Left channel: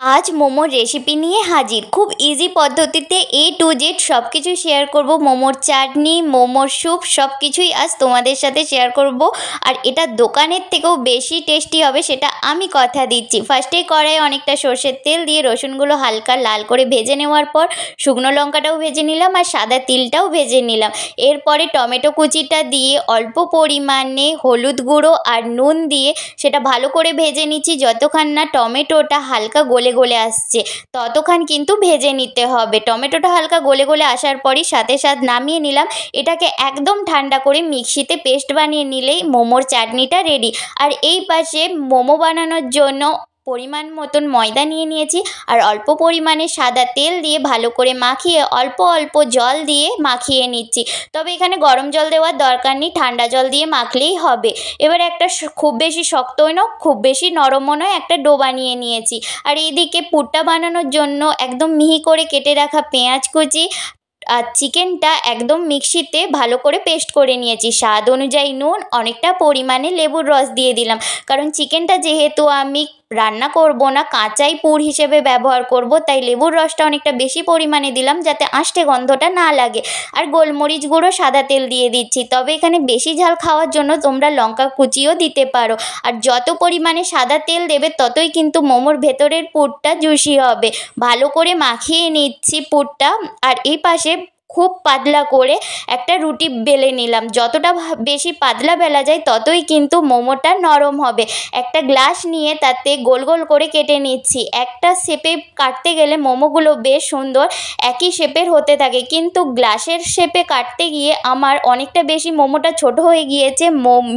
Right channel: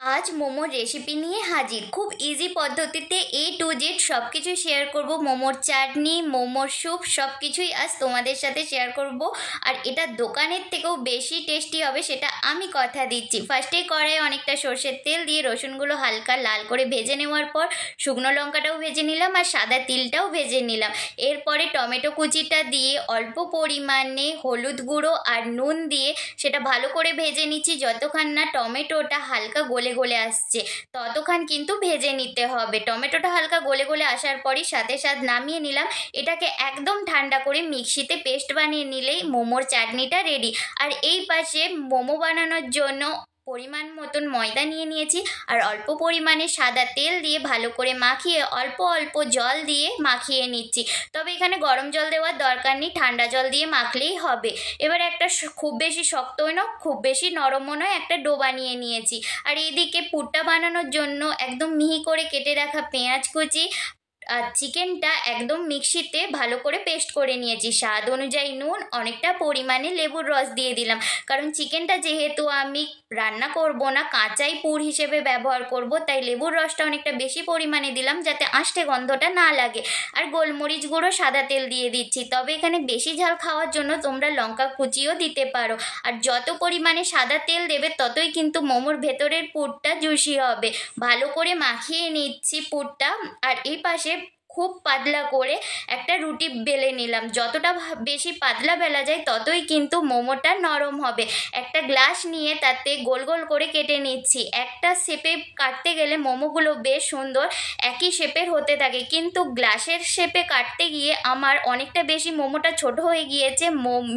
আজ মোমোর রেসিপি নিয়ে হাজির। খুব ইজি পদ্ধতিতে A to Z সব কিছুই শেয়ার করব। মোমোর চাটনি, মোমোর স্যুপ সব কিছুই আজ তোমাদের সাথে শেয়ার করব। আর এটা দোকানের থেকেও বেশি টেস্টি হবে, সেটা আমি কথা দিচ্ছি। ফার্স্টেই কড়াইয়ে অনেকটা সর্ষের তেল দিয়ে রসুনগুলো হালকা লাল করে ভেজে নেওয়ার পর শুকনো লঙ্কাটাও ভেজে নিলাম আর সাদা তিলটাও ভেজে নিলাম। এরপরে টমেটো কুচিটা দিয়ে অল্প পরিমাণে হলুদ গুঁড়ো আর নুন দিয়ে সেটা ভালো করে ভেজে নিচ্ছি। যতক্ষণ না টমেটোটা হালকা গলে গলে আসছে ততক্ষণ কিন্তু ভেজে নিতে হবে। টমেটোটা হালকা গলে গলে আসার পরই সাথে সাথে নামিয়ে নিলাম। এটাকে একদম ঠান্ডা করে মিক্সিতে পেস্ট বানিয়ে নিলেই মোমোর চাটনিটা রেডি। আর এই পাশে মোমো বানানোর জন্য পরিমাণ মতন ময়দা নিয়ে নিয়েছি আর অল্প পরিমাণে সাদা তেল দিয়ে ভালো করে মাখিয়ে অল্প অল্প জল দিয়ে মাখিয়ে নিচ্ছি। তবে এখানে গরম জল দেওয়ার দরকার নেই, ঠান্ডা জল দিয়ে মাখলেই হবে। এবার একটা খুব বেশি শক্তও নয় খুব বেশি নরমও নয় একটা ডো বানিয়ে নিয়েছি। আর এইদিকে পুরটা বানানোর জন্য একদম মিহি করে কেটে রাখা পেঁয়াজ কুচি আর চিকেনটা একদম মিক্সিতে ভালো করে পেস্ট করে নিয়েছি। স্বাদ অনুযায়ী নুন, অনেকটা পরিমাণে লেবুর রস দিয়ে দিলাম, কারণ চিকেনটা যেহেতু আমি রান্না করব না, কাঁচাই পুর হিসেবে ব্যবহার করব, তাই লেবুর রসটা অনেকটা বেশি পরিমাণে দিলাম যাতে আঁশটে গন্ধটা না লাগে। আর গোলমরিচ গুঁড়ো, সাদা তেল দিয়ে দিচ্ছি। তবে এখানে বেশি ঝাল খাওয়ার জন্য তোমরা লঙ্কা কুচিও দিতে পারো। আর যত পরিমাণে সাদা তেল দেবে ততই কিন্তু মোমোর ভেতরের পুরটা জুসি হবে। ভালো করে মাখিয়ে নিচ্ছি পুরটা। আর এই পাশে খুব পাতলা করে একটা রুটি বেলে নিলাম। যতটা বেশি পাতলা বেলা যায় ততই কিন্তু মোমোটা নরম হবে। একটা গ্লাস নিয়ে তাতে গোল গোল করে কেটে নিচ্ছি। একটা শেপে কাটতে গেলে মোমোগুলো বেশ সুন্দর একই শেপের হতে থাকে, কিন্তু গ্লাসের শেপে কাটতে গিয়ে আমার অনেকটা বেশি মোমোটা ছোট হয়ে গিয়েছে,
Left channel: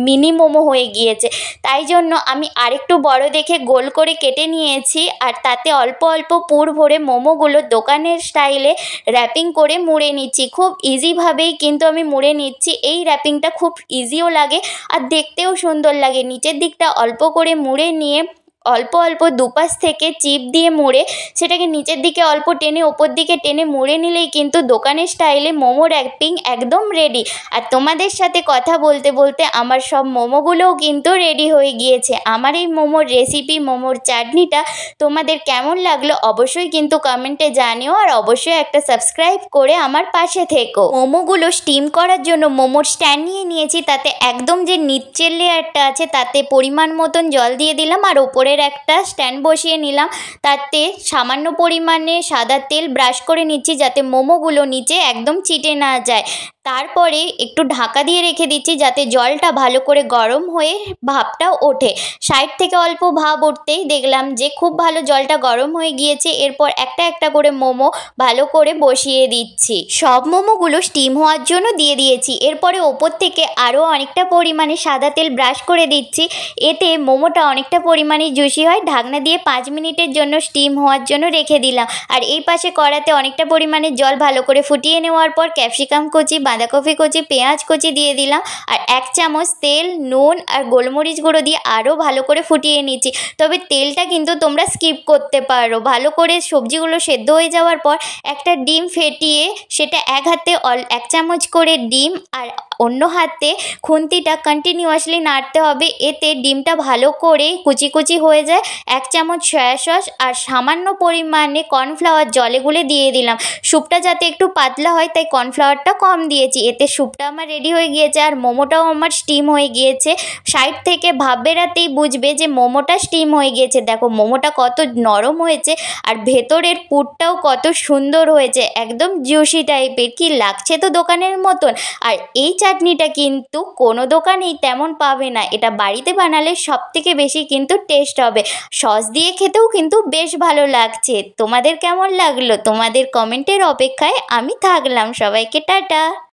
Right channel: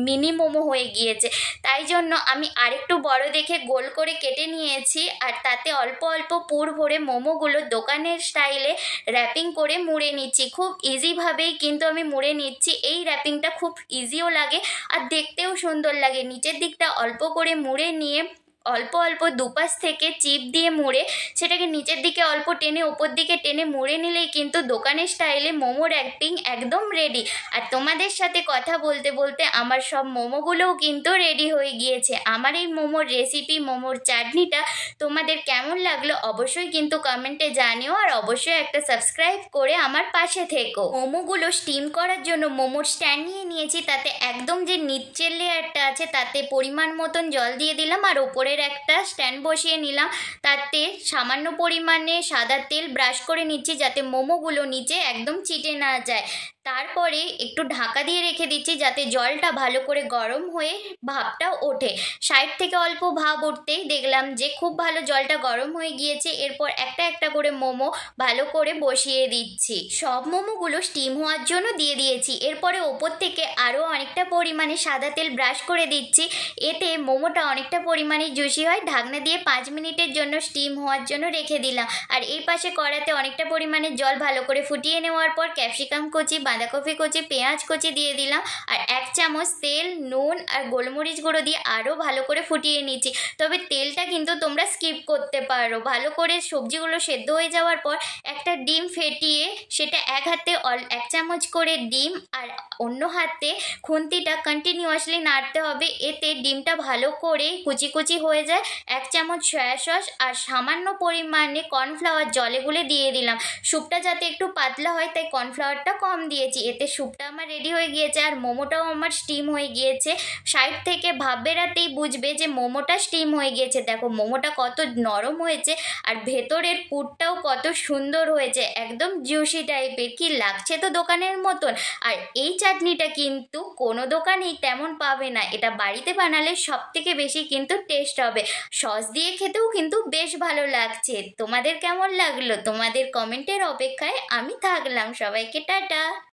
মিনি মোমো হয়ে গিয়েছে। তাই জন্য আমি আরেকটু বড় দেখে গোল করে কেটে নিয়েছি আর তাতে অল্প অল্প পুর ভরে মোমোগুলো দোকানের স্টাইলে র্যাপিং করে মুড়ে নিচ্ছি। খুব ইজিভাবেই কিন্তু আমি মুড়ে নিচ্ছি। এই র্যাপিংটা খুব ইজিও লাগে আর দেখতেও সুন্দর লাগে। নিচের দিকটা অল্প করে মুড়ে নিয়ে অল্প অল্প দুপাশ থেকে চিপ দিয়ে মুড়ে সেটাকে নিচের দিকে অল্প টেনে ওপর দিকে টেনে মুড়ে নিলেই কিন্তু দোকানের স্টাইলে মোমো র্যাপিং একদম রেডি। আর তোমাদের সাথে কথা বলতে বলতে আমার সব মোমোগুলোও কিন্তু রেডি হয়ে গিয়েছে। আমার এই মোমোর রেসিপি, মোমোর চাটনিটা তোমাদের কেমন লাগলো অবশ্যই কিন্তু কমেন্টে জানিও। আর অবশ্যই একটা সাবস্ক্রাইব করে আমার পাশে থেকো। মোমোগুলো স্টিম করার জন্য মোমোর স্ট্যান্ড নিয়ে নিয়েছি। তাতে একদম যে নিচের লেয়ারটা আছে তাতে পরিমাণ মতন জল দিয়ে দিলাম আর ওপরে একটা স্ট্যান্ড বসিয়ে নিলাম। তাতে সামান্য পরিমাণে সাদা তেল ব্রাশ করে নিচ্ছি যাতে মোমোগুলো নিচে একদম চিটে না যায়। তারপরে একটু ঢাকা দিয়ে রেখে দিচ্ছি যাতে জলটা ভালো করে গরম হয়ে ভাপটা ওঠে। সাইড থেকে অল্প ভাপ উঠতেই দেখলাম যে খুব ভালো জলটা গরম হয়ে গিয়েছে। এরপর একটা একটা করে মোমো ভালো করে বসিয়ে দিচ্ছি। সব মোমোগুলো স্টিম হওয়ার জন্য দিয়ে দিয়েছি। এরপরে ওপর থেকে আরও অনেকটা পরিমাণে সাদা তেল ব্রাশ করে দিচ্ছি। এতে মোমোটা অনেকটা পরিমাণে জুসি হয়। ঢাকনা দিয়ে 5 মিনিটের জন্য স্টিম হওয়ার জন্য রেখে দিলাম। আর এই পাশে কড়াতে অনেকটা পরিমাণে জল ভালো করে ফুটিয়ে নেওয়ার পর ক্যাপসিকাম কুচি, বাঁধাকপি কুচি, পেঁয়াজ কুচি দিয়ে দিলাম আর 1 চামচ তেল, নুন আর গোলমরিচ গুঁড়ো দিয়ে আরও ভালো করে ফুটিয়ে নিচ্ছি। তবে তেলটা কিন্তু তোমরা স্কিপ করতে পারো। ভালো করে সবজিগুলো সেদ্ধ হয়ে যাওয়ার পর একটা ডিম ফেটিয়ে সেটা এক হাতে 1 চামচ করে ডিম আর অন্য হাতে খুন্তিটা কন্টিনিউয়াসলি নাড়তে হবে। এতে ডিমটা ভালো করে কুচি কুচি হয়ে যায়। 1 চামচ সয়া সস আর সামান্য পরিমাণে কর্নফ্লাওয়ার জলে গুলে দিয়ে দিলাম। স্যুপটা যাতে একটু পাতলা হয় তাই কর্নফ্লাওয়ারটা কম দিয়েছি। এতে স্যুপটা আমার রেডি হয়ে গিয়েছে আর মোমোটাও আমার স্টিম হয়ে গিয়েছে। সাইড থেকে ভাব বেরাতেই বুঝবে যে মোমোটা স্টিম হয়ে গিয়েছে। দেখো মোমোটা কত নরম হয়েছে আর ভেতরের পুরটাও কত সুন্দর হয়েছে, একদম জুসি টাইপের। কি লাগছে তো দোকানের মতন। আর এই চাটনিটা কিন্তু কোনো দোকানেই তেমন পাবে না। এটা বাড়িতে বানালে সব থেকে বেশি কিন্তু টেস্ট হবে। সস দিয়ে খেতেও কিন্তু বেশ ভালো লাগছে। তোমাদের কেমন লাগলো? তোমাদের কমেন্টের অপেক্ষায় আমি থাকলাম। সবাইকে টাটা।